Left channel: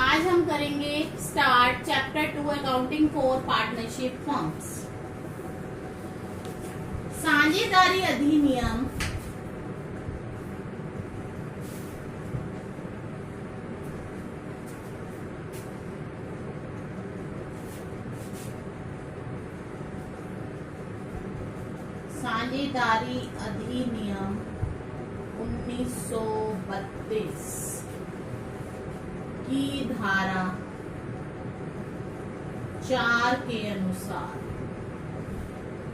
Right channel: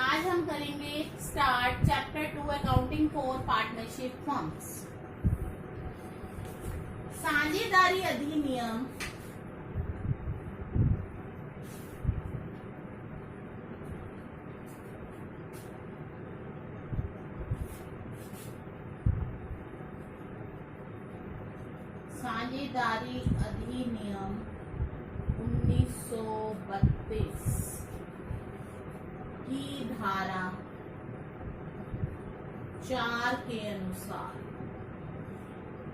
आज हम करेंगे start chapter 2 accounting for partnership firms. साझेदारी अधिनियम साझेदारी अधिनियम 1932 की धारा 4 के अनुसार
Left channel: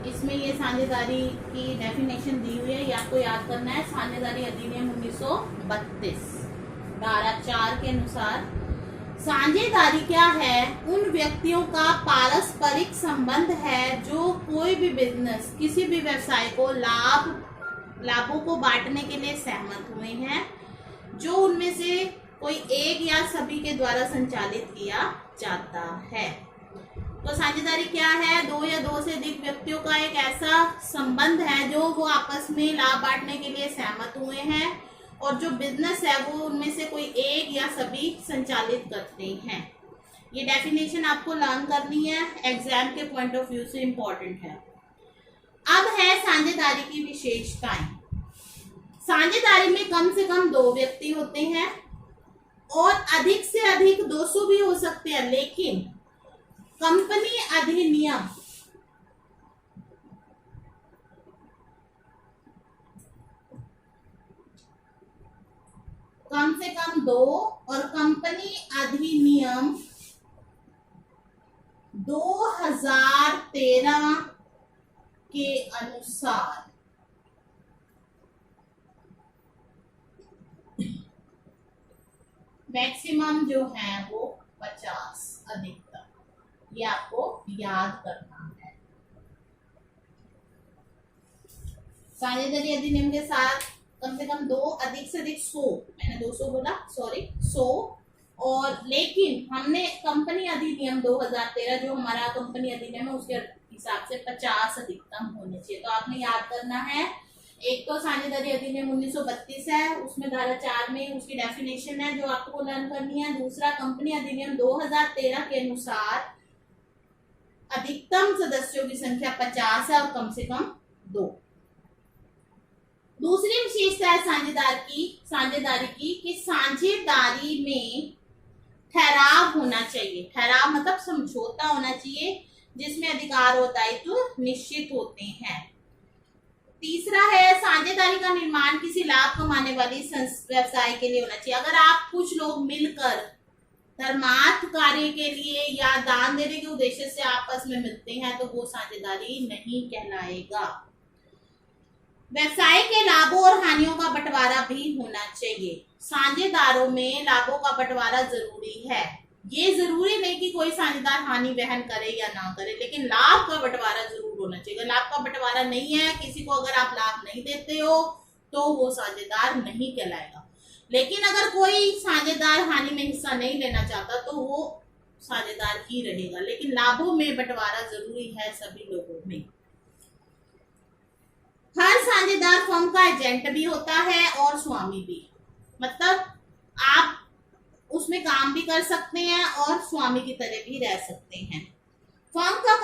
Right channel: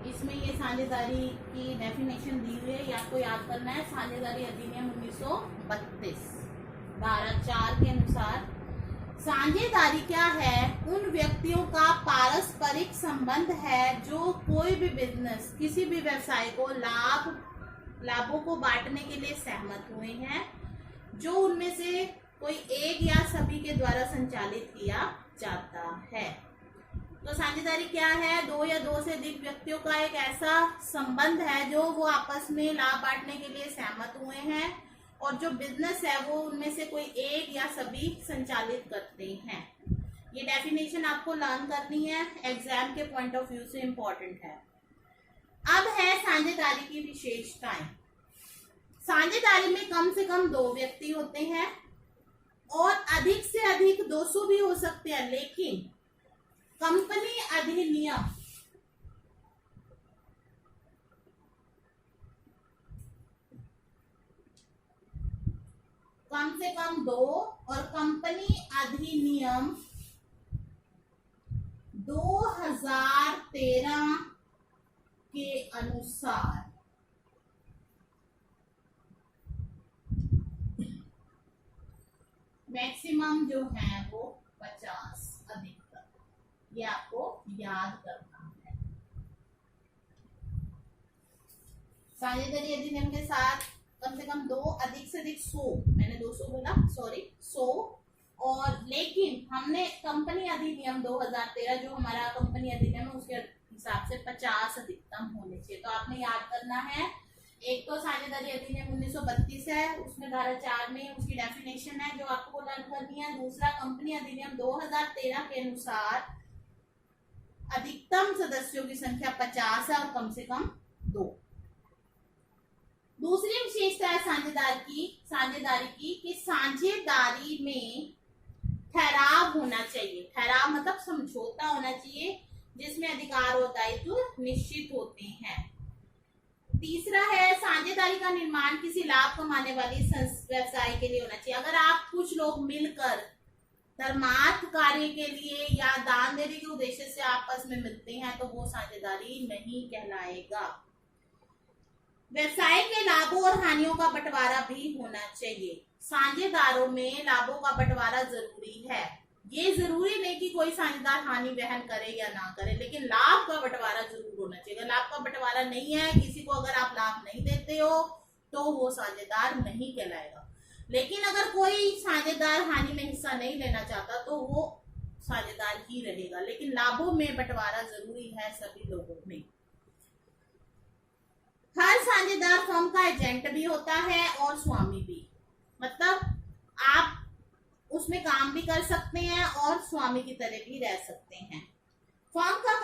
इसमें ये साझेदारी की डेफिनेशन दी हुई है, ये आपको याद करना है। साझेदारी अधिनियम 1932 धारा 4 के अनुसार साझेदारी क्या है? उन व्यक्तियों का पारस्परिक संबंध है जो कोई भी बिजनेस, किसी भी व्यवसाय को लाभों को बांटने के लिए सहमत हुए हैं, जो उनमें से कोई एक या सभी के द्वारा संचालित किया जाता है। तो साझेदारी क्या है? दो या दो से अधिक व्यक्तियों का एक ऐसा संबंध है जो वो आपस में लाभ बांटने के लिए सहमत हुए हैं और जो बिजनेस है वो उनमें से कोई एक या सभी संचालित करते हैं। ये डेफिनेशन आपको लर्न करनी है, एग्जाम के पॉइंट ऑफ व्यू से इम्पोर्टेंट है। अब है साझेदारी की विशेषताएं। साझेदारी में कम से कम 2 व्यक्ति होते हैं और अधिक से अधिक 200 भी हो सकते हैं, लेकिन कंपनी अधिनियम कम से कम 2 और कंपनी अधिनियम 2013 के अनुसार मैक्सिमम जो है वो 50 अधिकतम, ये आपको याद करना है। साझेदारी अधिनियम के साथ कम से कम 2, अधिक से अधिक 100, मैंने 200 बोला, सॉरी 100, और लेकिन हमने कंपनी अधिनियम 2013 जो हमारा कंपनी अधिनियम है उसके हिसाब से 50 अधिकतम होने चाहिए। तो आपने याद करना है, एक तो साझेदारी अधिनियम 1932 है, उसमें धारा 4 में उसकी डेफिनेशन है जो आपको लर्न करनी है। दूसरा, कंपनी अधिनियम 2013 के अनुसार अधिकतम सदस्यों की संख्या 50 है और कम से कम 2। दूसरी विशेषता है साझेदारी की कि साझेदारी में ठहराव होना चाहिए। ठहराव मतलब समझौता होना चाहिए जिसमें अधिकार और दायित्व निश्चित होते हैं। तीसरा है, साझेदारी का निर्माण किसी लाभ कमाने वाली व्यवसाय के लिए होना चाहिए। अगर आप कुछ लोग मिलकर धर्मार्थ कार्य के लिए या दान देने के उद्देश्य से आपस में मिलते हैं तो वो साझेदारी नहीं कहलाएगा। व्यवसाय के लाभों और हानियों का बंटवारा भी होना चाहिए। साझेदारों में लाभों का बंटवारा जरूरी है। ये जरूरी नहीं कि कोई साझेदार हानि वहन करे या ना करे, लेकिन लाभ का बंटवारा जरूर होना चाहिए। लाभ का बंटवारा नहीं है, किसी को अगर आप लाभ नहीं देते हो तो वो साझेदार नहीं कहलाएगा। लेकिन अगर कोई साझेदार हानि में हिस्सा नहीं लेना चाहता तो वो साझेदार ही रहेगा, लेकिन लाभों में बंटवारा जरूरी है सभी लोगों में। हर साझेदार फर्म का एजेंट भी होता है और स्वामी भी, मतलब आप उसमें काम भी कर सकते हैं और स्वामी की तरह भी रह सकते हैं। फर्म का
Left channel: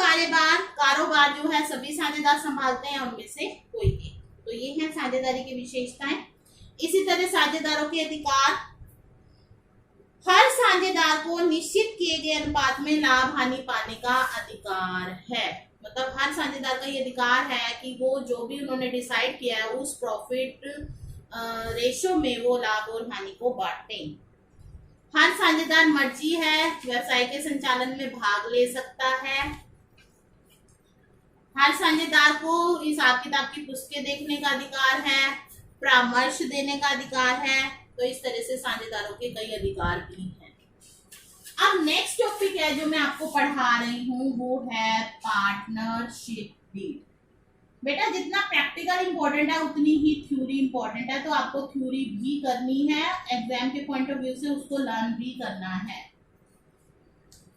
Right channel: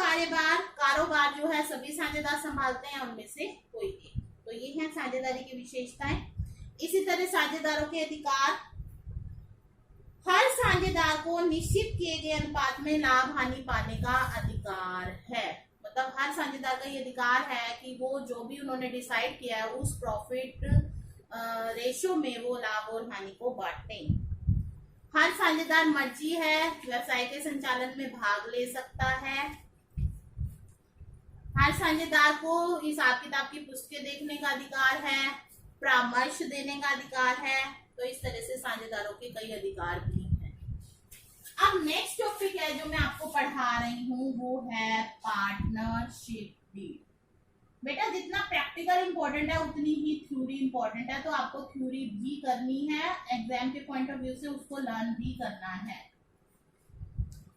कारोबार जो है सभी साझेदार संभालते हैं, उनमें से कोई एक। तो ये है साझेदारी की विशेषताएं। इसी तरह साझेदारों के अधिकार, हर साझेदार को निश्चित किए गए अनुपात में लाभ हानि पाने का अधिकार है। मतलब हर साझेदार का ये अधिकार है कि वो जो भी उन्होंने डिसाइड किया है उस प्रॉफिट रेशो में वो लाभ और हानि को बांटें। हर साझेदार मर्जी है व्यवसाय के संचालन में भाग ले सकता है। हर साझेदार को हिसाब किताब की पुस्तकें देखने का अधिकार है, परामर्श देने का अधिकार है। तो इस तरह से साझेदारों के कई अधिकार भी हैं। अब नेक्स्ट टॉपिक है जो मैं आपको पढ़ा रही हूँ वो है पार्टनरशिप डीड। बेटा जितना प्रैक्टिकल इंपॉर्टेंट है उतनी ही थ्योरी इंपॉर्टेंट है, तो आपको थ्योरी भी करनी है, एग्जाम के पॉइंट ऑफ व्यू से उसको लर्न भी करना है।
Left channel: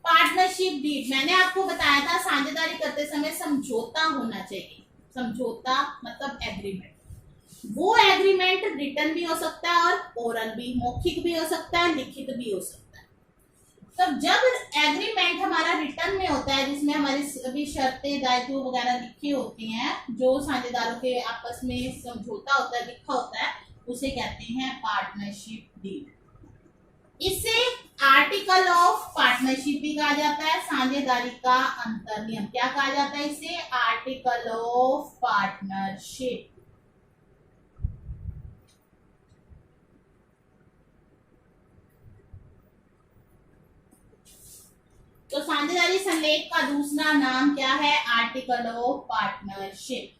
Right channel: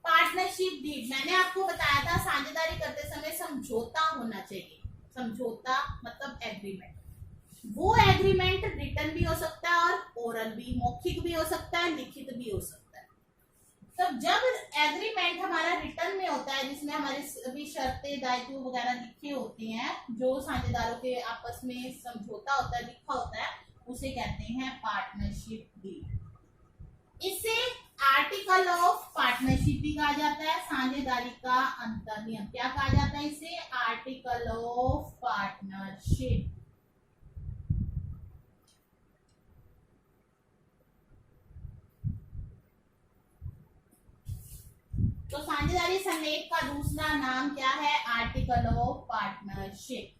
पार्टनरशिप डीड मैंने आपको बताया था, साझेदारी करते समय समझौता होना चाहिए। समझौता मतलब एग्रीमेंट। वो एग्रीमेंट रिटन भी हो सकता है और ओरल भी, मौखिक भी हो सकता है, लिखित भी हो सकता है। तो जब एग्रीमेंट हमारा रिटर्न में होता है जिसमें हमारी सभी शर्तें दायित्व वगैरह लिखी होती हैं, जो साझेदारों के आपस में समझौता होता है, लिखा होता है, उसे कहते हैं पार्टनरशिप डीड। इसे आर्टिकल ऑफ पार्टनरशिप भी कहा जाता है, साझेदारी का अंतर्नियम क्या कहा जाता है इसे, आर्टिकल ऑफ पार्टनरशिप। तो साझेदारी संलेख का दूसरा नाम क्या है, आर्टिकल ऑफ पार्टनरशिप।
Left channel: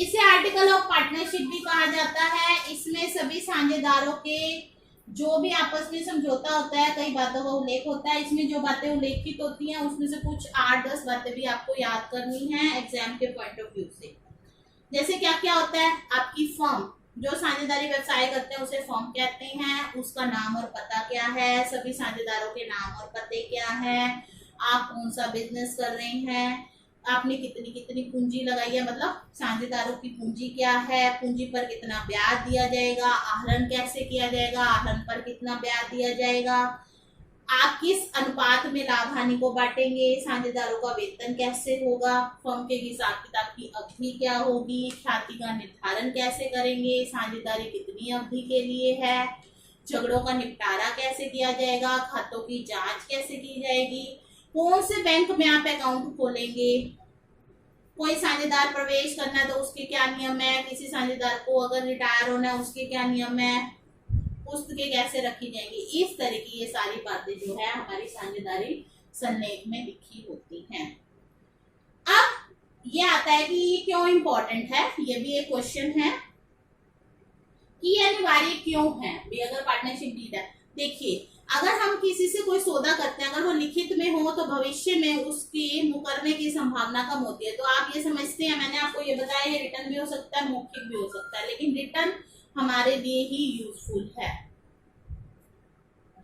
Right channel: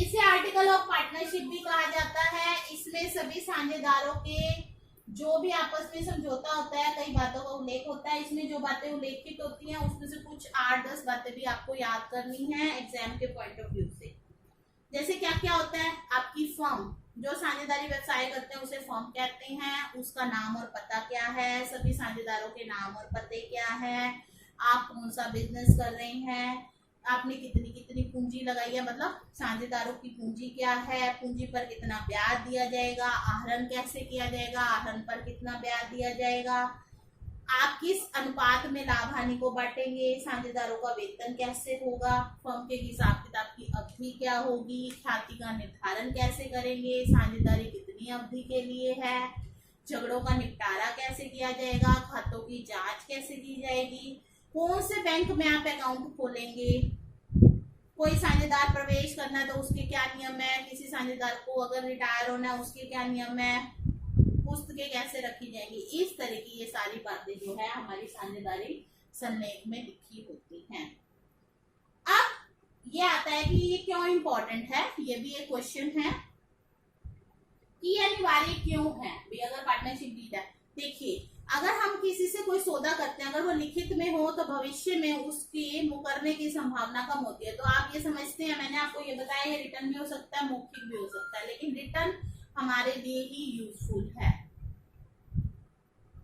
इसे आर्टिकल ऑफ पार्टनरशिप भी कहा जाता है। इसमें सभी साझेदारों के जो भी आपस में समझौता होता है, कई बातों का उल्लेख होता है। इसमें जो बातें उल्लेखित होती हैं उसमें से कुछ 8-10 बातें भी आपको याद करनी है एग्जाम के पॉइंट ऑफ व्यू से। जैसे क्या क्या होता है, आपकी फर्म, जो साझेदारी व्यवसाय करते हैं उसे फर्म कहते हैं, उसका नाम और पता क्या है, सभी साझेदारों के नाम और पते क्या है, आप कौन सा बिजनेस कर रहे हैं, आपने कितनी कितनी पूंजी लगाई है, मतलब साझेदारों की पूंजी क्या है, पूंजी पर कितना ब्याज दिया जाएगा, आहरण कैसे किया जाएगा, आहरण पर कितना ब्याज दिया जाएगा, आप किस अनुपात में लाभ हानि को बांटेंगे, साझेदारों का वेतन कैसे होगा, फर्म के हिसाब किताब की अवधि क्या होगी, ख्याति का निर्धारण कैसे करेंगे, साझेदारी कितनी अवधि के लिए है, झगड़ों का निपटारा कैसे किया जाएगा, खातों की जांच कैसे की जाएगी, कौन से बैंक में आप अकाउंट खोलेंगे, कोई साझेदार प्रवेश करना है तो उसके क्या नियम है, किसी साझेदार को अगर रिटायर होना है उसके क्या नियम है, पुस्तकें कैसे रखी जाएंगी, इस तरह की ये सारी बातें जो है हमारी साझेदारी संलेख में लिखी होती हैं। अब ये आता है कि ये क्यों इंपॉर्टेंट है, ये भी एक क्वेश्चन है कि ये अनिवार्य क्यों है भी अगर पार्टनरशिप डीड है। देखिए, अगर हम किसी से कोई सौदा करते हैं, अगर वो लिखित में हो तो भविष्य में उसके मुकरने की संभावना कम होती है। तो आप ये समझते हैं, मैंने आपको ये बताया, ये रिटर्न भी हो सकता है, मौखिक भी हो सकता है, लेकिन रिटर्न हमारे लिए ही यूजफुल है।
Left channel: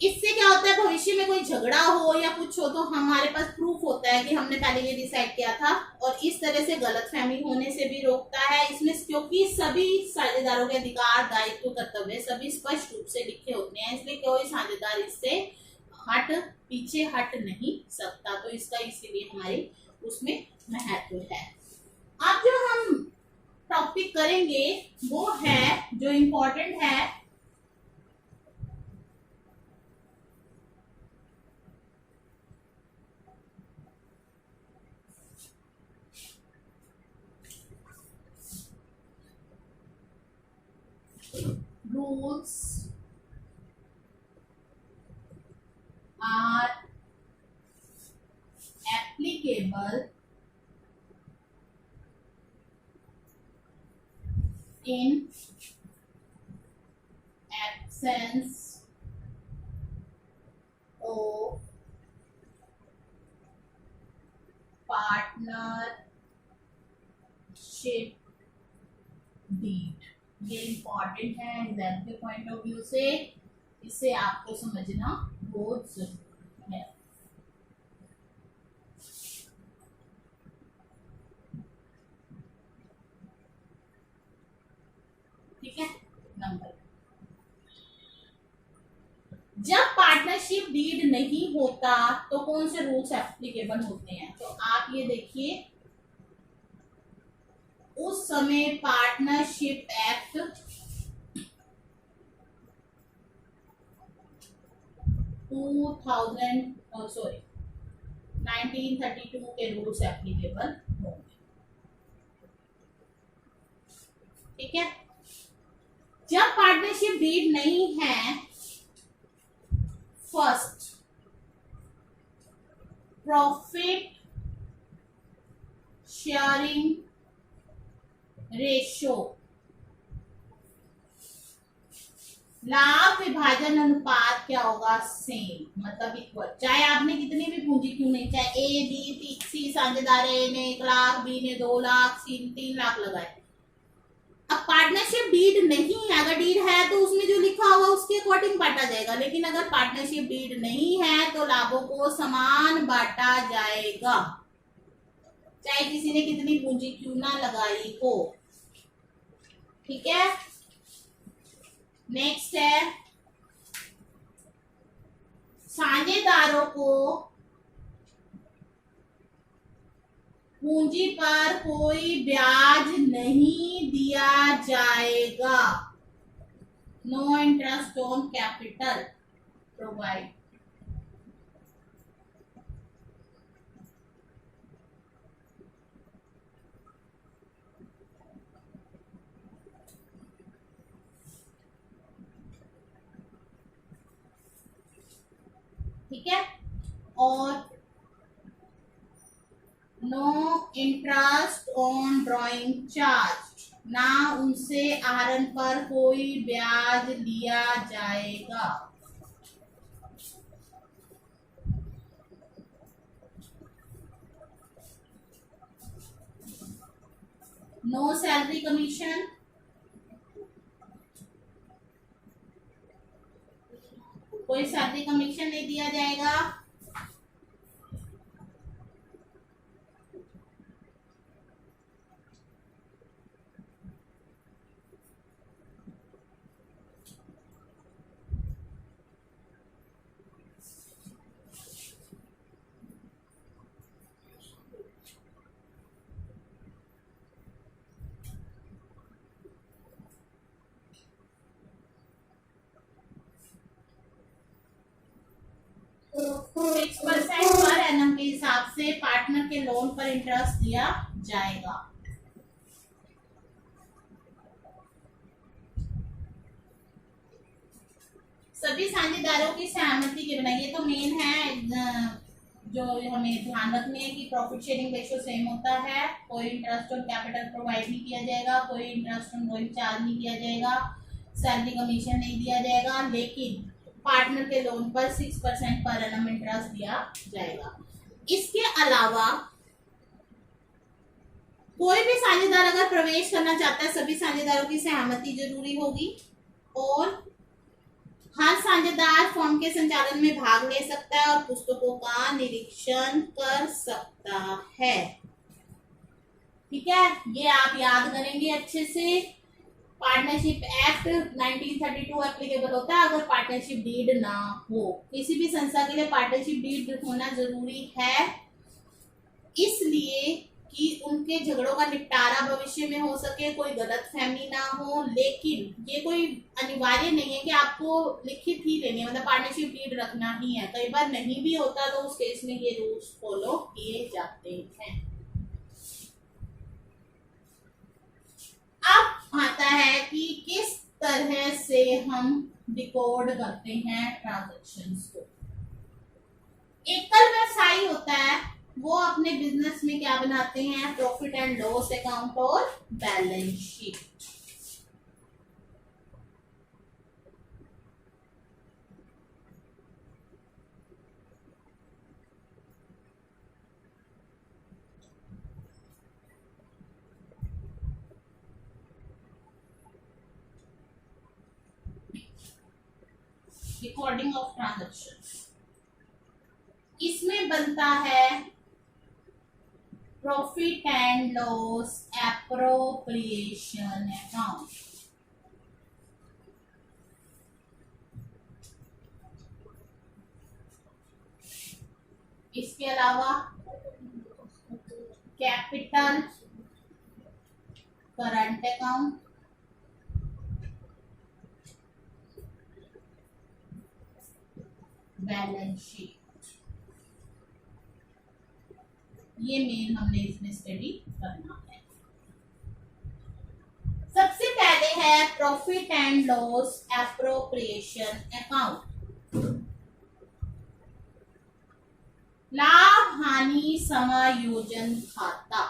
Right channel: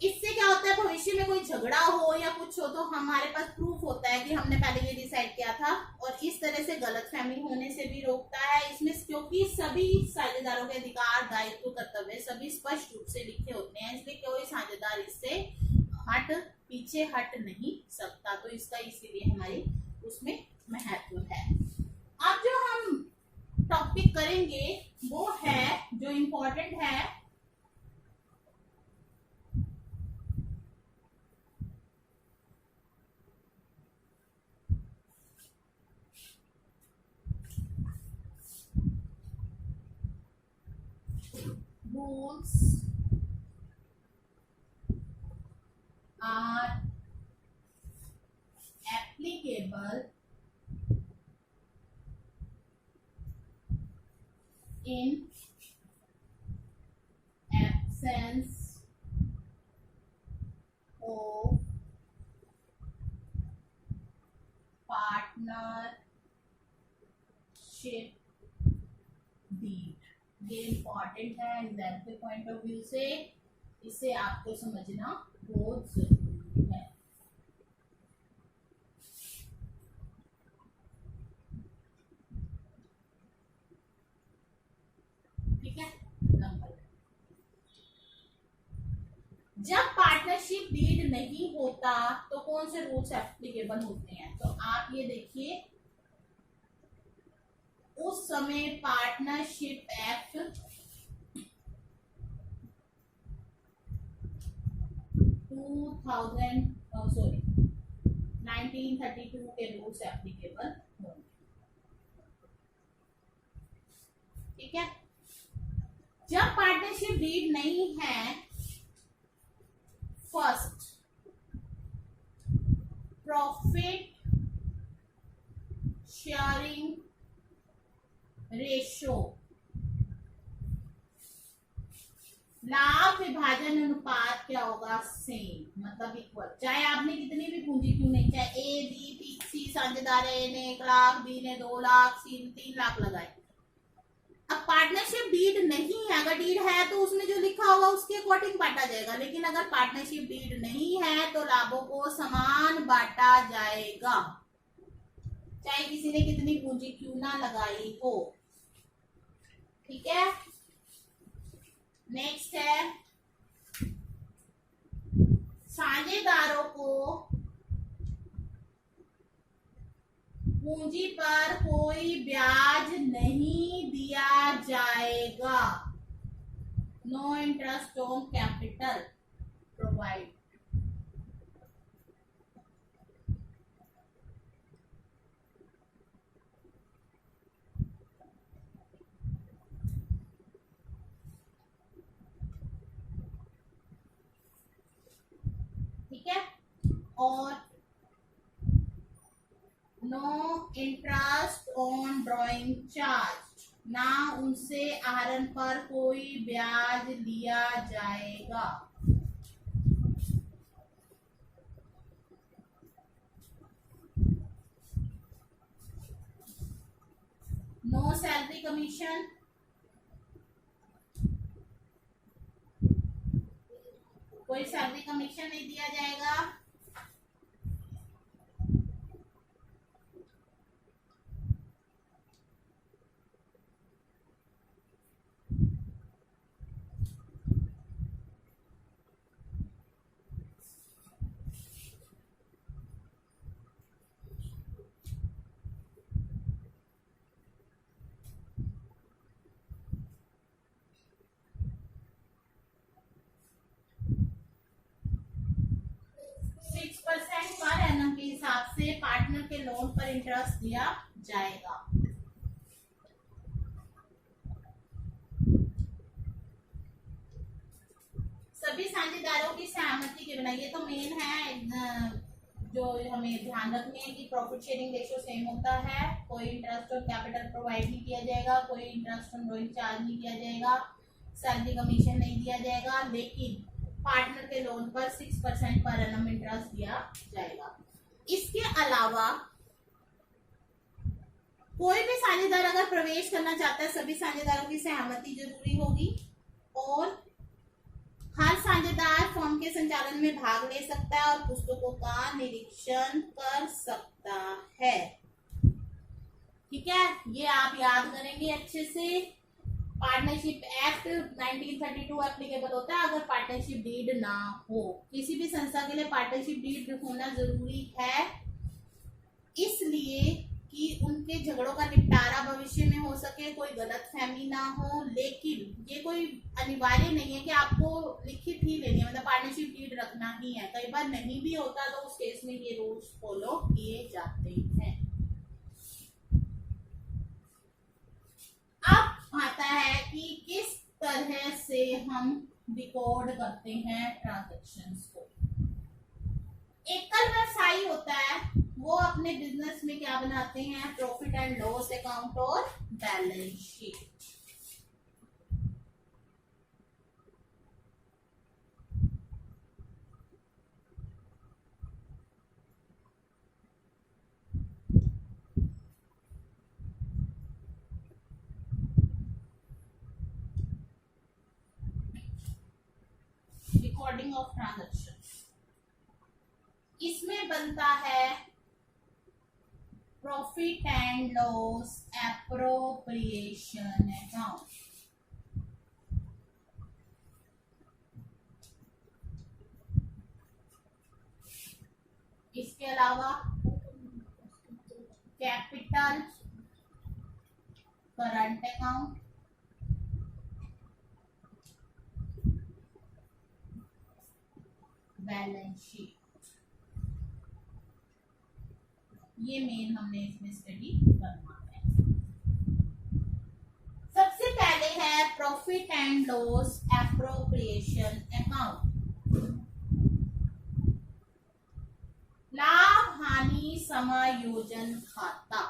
इससे क्या होता है, भविष्य में कोई झगड़ा हो या कुछ हो तो हमारे पास प्रूफ होता है कि हमने पहले ये डिसाइड किया था, और इस तरह से गलतफहमी होने से भी रोकता है इसमें, क्योंकि सभी साझेदारों के अधिकार, दायित्व, कर्तव्य सभी स्पष्ट रूप से लिखे होते हैं, इसलिए कोई साझेदार इससे पीछे हट नहीं सकता। तो इसका इसीलिए हमारी उसमें महत्व है। अब जो हम टॉपिक करेंगे वो है, जो इम्पोर्टेंट है, rules are applicable in absence of partnership deed। ये इंपॉर्टेंट है एग्जाम के पॉइंट ऑफ व्यू से, इसे आपको समझना बहुत जरूरी है। ठीक है, नंबर, जब पार्टनरशिप डीड नहीं होता तो कौन से रूल्स एप्लीकेबल होते हैं, तो आप ये देखिए, उस समय पार्टनरशिप एक्ट 1932 के रूल्स एप्लीकेबल होंगे। ठीक है, जब पार्टनरशिप डीड नहीं है, फर्स्ट प्रॉफिट शेयरिंग रेशो, लाभ विभाजन अनुपात क्या होगा, सेम, मतलब इक्वल, चाहे आपने कितनी भी पूंजी क्यों नहीं, चाहे ए बी सी साझेदार, ए ने 1 लाख, बी ने 2 लाख, सी ने 3 लाख लगाए। अब पार्टनरशिप डीड नहीं है, अगर डीड है तो उसमें जो लिखा होगा उसके अकॉर्डिंग बांटा जाएगा, लेकिन अगर पार्टनरशिप डीड नहीं है तो लाभों को समान बांटा जाएगा, चाहे किसी ने कितनी पूंजी क्यों ना लगाई हो। ठीक है, नेक्स्ट है साझेदारों को पूंजी पर कोई ब्याज नहीं दिया जाएगा। No interest on capital provide. ठीक है, और no interest on drawing charge, ना उनसे आहरण पर कोई ब्याज लिया जाएगा। नो सैलरी कमीशन, कोई सैलरी कमीशन नहीं दिया जाएगा। फिक्स परसेंट पर एनम के हिसाब से पार्टनर के लोन पर इंटरेस्ट दिया जाएगा। सभी साझेदारों की सहमति के बिना, ये तो मेन है जो हमें ध्यान रखने है कि प्रॉफिट शेयरिंग रेशियो सेम होता है। कोई इंटरेस्ट ऑन कैपिटल प्रोवाइड नहीं किया जाएगा, कोई इंटरेस्ट ऑन ड्रॉइंग चार्ज नहीं किया जाएगा, सैलरी कमीशन नहीं दिया जाएगा, लेकिन पार्टनर के लोन पर 6% पर एनम इंटरेस्ट दिया जाएगा। इसके अलावा कोई भी साझेदार अगर प्रवेश करना चाहता है, सभी साझेदारों की सहमति जरूरी होगी, और हर साझेदार फर्म के संचालन में भाग ले सकता है और पुस्तकों का निरीक्षण कर सकता है। ठीक है, ये आप याद करेंगे अच्छे से। पार्टनरशिप एक्ट 1932 एप्लीकेबल होता है अगर पार्टनरशिप डीड ना हो। किसी भी संस्था के लिए पार्टनरशिप डीड होना जरूरी है, इसलिए कि उनके झगड़ों का निपटारा भविष्य में हो सके, कोई गलतफहमी ना हो। लेकिन ये कोई अनिवार्य नहीं है कि आपको लिखित ही लेनी है, मतलब पार्टनरशिप डीड रखना ही है। कई बार नहीं भी होता तो उस केस में ये रूल्स फॉलो किए जाते हैं। अब आता है कि किस तरह से हम डिकोड करते हैं ट्रांजैक्शंस को। एकल व्यवसायी होता है, वो अपने बिजनेस में क्या बनाते हैं, प्रॉफिट एंड लॉस अकाउंट और balance sheet. Recording of transaction, इसमें बनता है profit and loss appropriation account. इसके अलावा capital, current account, balance sheet, ये मेन हमने इसमें स्टडी करना है। सबसे पहले है profit and loss appropriation account. लाभ हानि समायोजन खाता।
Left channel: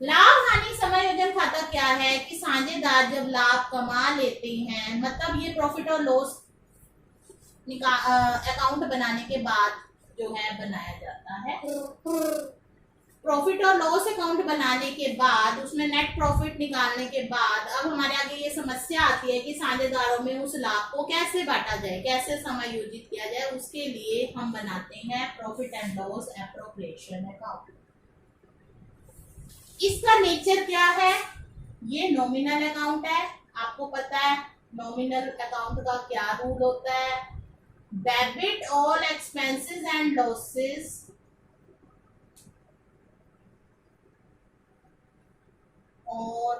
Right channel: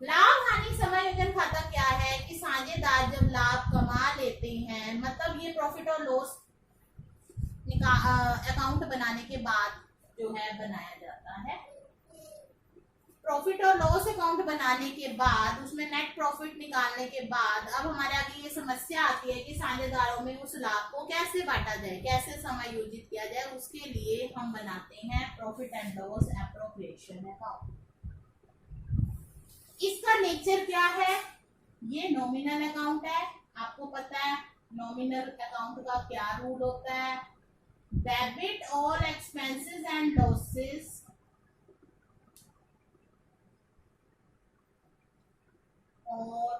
लाभ हानि समायोजन खाता क्या है कि साझेदार जब लाभ कमा लेते हैं, मतलब ये प्रॉफिट और लॉस अकाउंट बनाने के बाद जो है बनाया जाता है। प्रॉफिट और लॉस अकाउंट बनाने के बाद उसमें नेट प्रॉफिट निकालने के बाद अब हमारे आगे ये समस्या आती है कि साझेदारों में उस लाभ को कैसे बांटा जाए, कैसे समायोजित किया जाए। उसके लिए हम बनाते हैं profit and loss appropriation account. इसका नेचर क्या है, ये नॉमिनल अकाउंट है। आपको पता है नॉमिनल अकाउंट का क्या रूल होता है, debit all expenses and losses और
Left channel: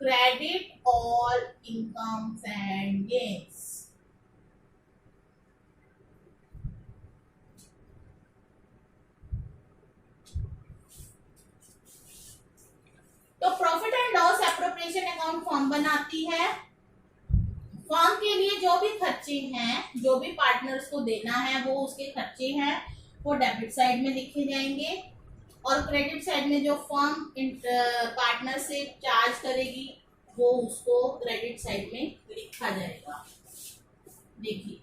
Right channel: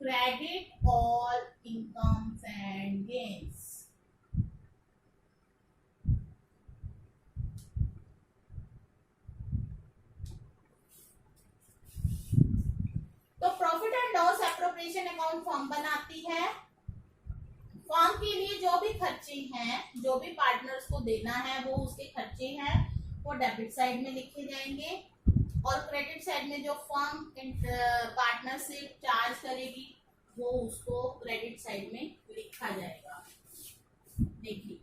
credit all incomes and gains. तो profit and loss appropriation account form बनाती है। फॉर्म के लिए जो भी खर्चे हैं, जो भी पार्टनर्स को देना है, वो उसके खर्चे हैं, वो डेबिट साइड में लिखे जाएंगे और क्रेडिट साइड में जो फर्म पार्टनर से चार्ज करेगी वो उसको क्रेडिट साइड में लिखा जाएगा। देखिए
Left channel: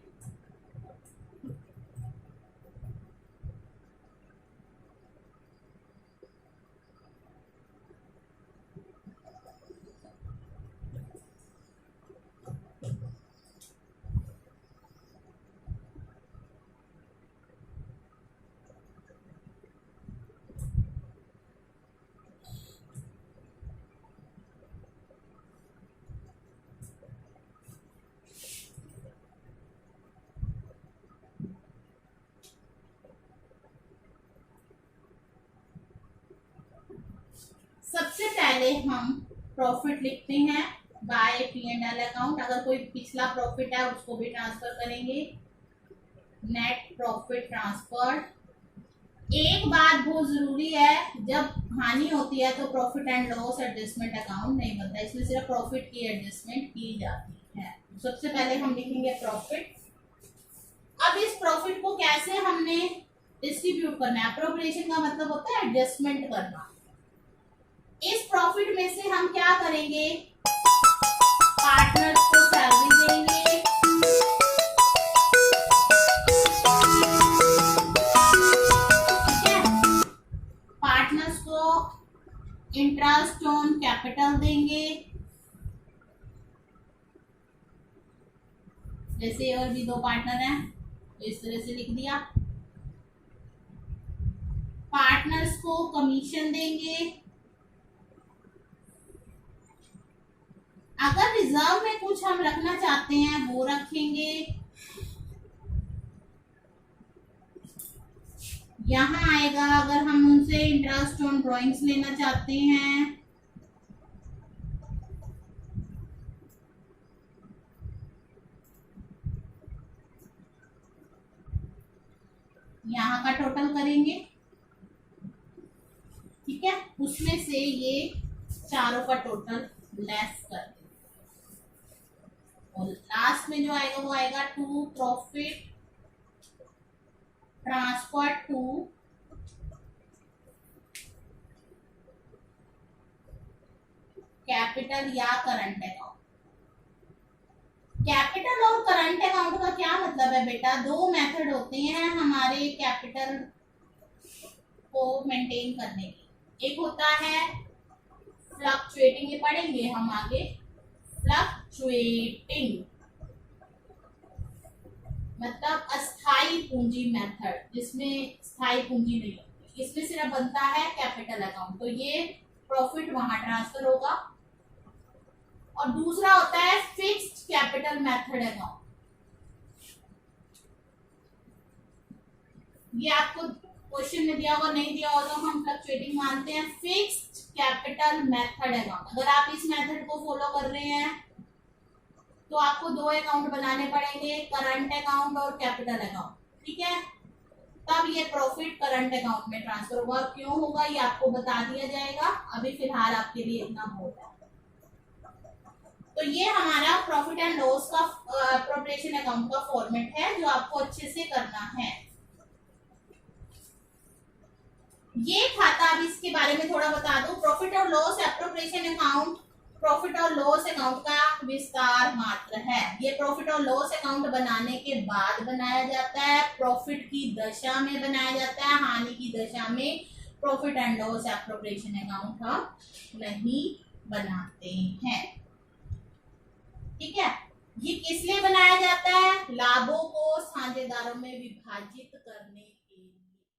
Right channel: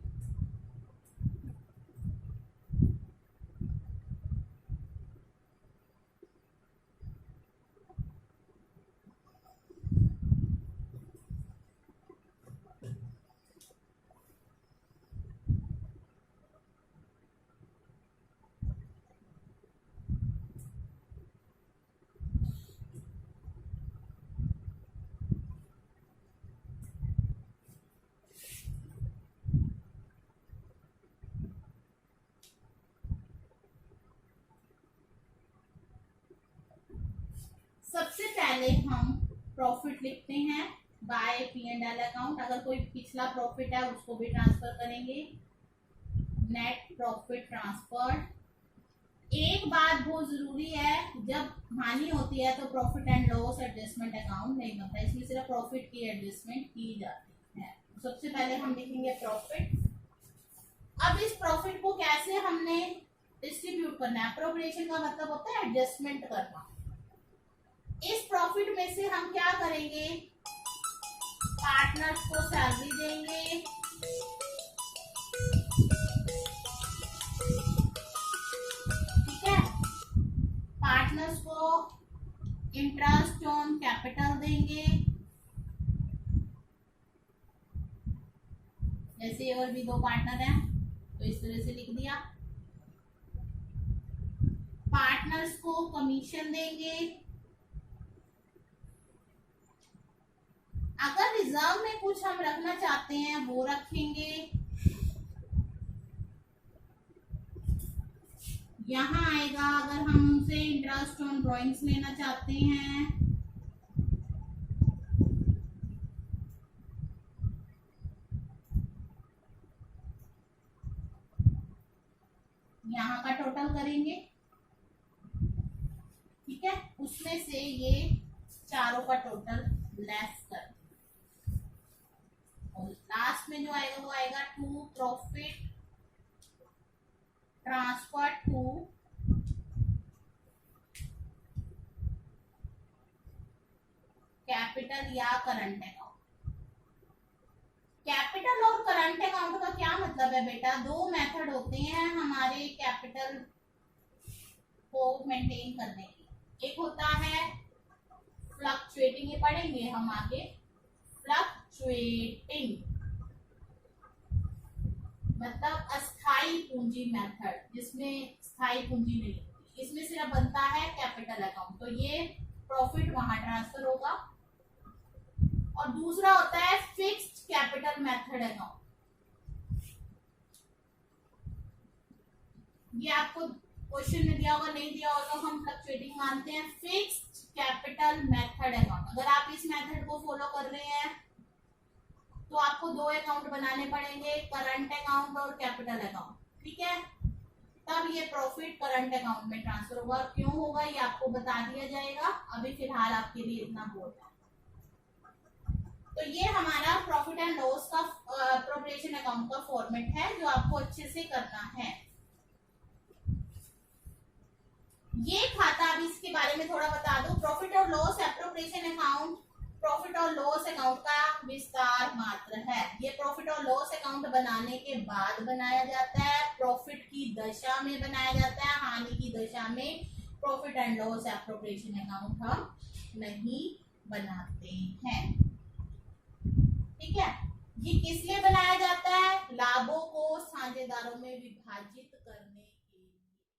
सबसे पहले हम प्रॉफिट लिखते हैं बाय P&L अकाउंट। अगर कोई पिछला प्रॉफिट है उसको भी ट्रांसफर करेंगे। Net profit transfer. एक बात बहुत जरूरी है, जब हानि होती है तो profit and loss adjustment account नहीं बनता, इसमें सिर्फ प्रॉफिट की एडजस्टमेंट की जाती है। सबसे पहले हम लिखेंगे प्रॉफिट। अब इस प्रॉफिट को कैसे हमने डिस्ट्रीब्यूट करना है? अप्रोप्रिएशन का मतलब होता है एडजस्टमेंट करना। इस प्रॉफिट में से हम क्या करेंगे? पार्टनर्स को सैलरी देंगे, ठीक है। पार्टनर्स को इंटरेस्ट ऑन कैपिटल देंगे, जैसे और भी दो पार्टनर हैं तो इस तरह से लिख दिया। पार्टनर्स को कमीशन देंगे। अगर रिजर्व में कुछ हम रखना चाहते हैं वो रखेंगे। यहाँ आएगा अगर हम उनसे इंटरेस्ट ऑन ड्राइंग्स लेना चाहते हैं, यहाँ का टोटल करेंगे, ठीक है। उसमें से ये चारों का टोटल लेस कर देंगे और लास्ट में जो आएगा वो आएगा to profit transfer to capital या करंट अकाउंट। कैपिटल और करंट अकाउंट का क्या मतलब है बेटा? दो मेथड होते हैं हमारे कैपिटल को मेंटेन करने के। एक होता है फ्लक्चुएटिंग, ये पढ़ेंगे हम आगे। फ्लक्चुएटिंग मतलब अस्थाई पूंजी मेथड, जिसमें स्थायी पूंजी नहीं होती, इसमें सिर्फ बनता है कैपिटल अकाउंट। तो ये प्रॉफिट वहां ट्रांसफर होगा। और दूसरा होता है फिक्स्ड कैपिटल मेथड अकाउंट। ये आपको क्वेश्चन में दिया होगा, नहीं दिया होगा, हम फ्लक्चुएटिंग मानते हैं। फिक्स्ड कैपिटल मेथड अकाउंट, अगर आप इस मेथड को फॉलो कर रहे हैं तो आपको दो अकाउंट बनाने पड़ेंगे, करंट अकाउंट और कैपिटल अकाउंट, ठीक है। तब ये प्रॉफिट करंट अकाउंट में ट्रांसफर होगा। क्यों होगा ये आपको बता दिया जाएगा, अभी फिलहाल आपके लिए इतना बहुत है। तो ये हमारा प्रॉफिट एंड लॉस का अप्रोप्रिएशन अकाउंट का फॉर्मेट है जो आपको अच्छे से करना है। ये खाता, अब इसके बारे में थोड़ा बता दूं। प्रॉफिट और लॉस एप्रोप्रिएशन अकाउंट प्रॉफिट और लॉस अकाउंट का विस्तार मात्र है। ये प्रॉफिट और लॉस अकाउंट बनाने के बाद बनाया जाता है, प्रॉफिट की दशा में बनाया जाता है, हानि की दशा में profit and loss appropriation account हम नहीं बनाते हैं, ठीक है। ये किस लिए बनाया जाता है? लाभों को साझेदारों में विभाजित करने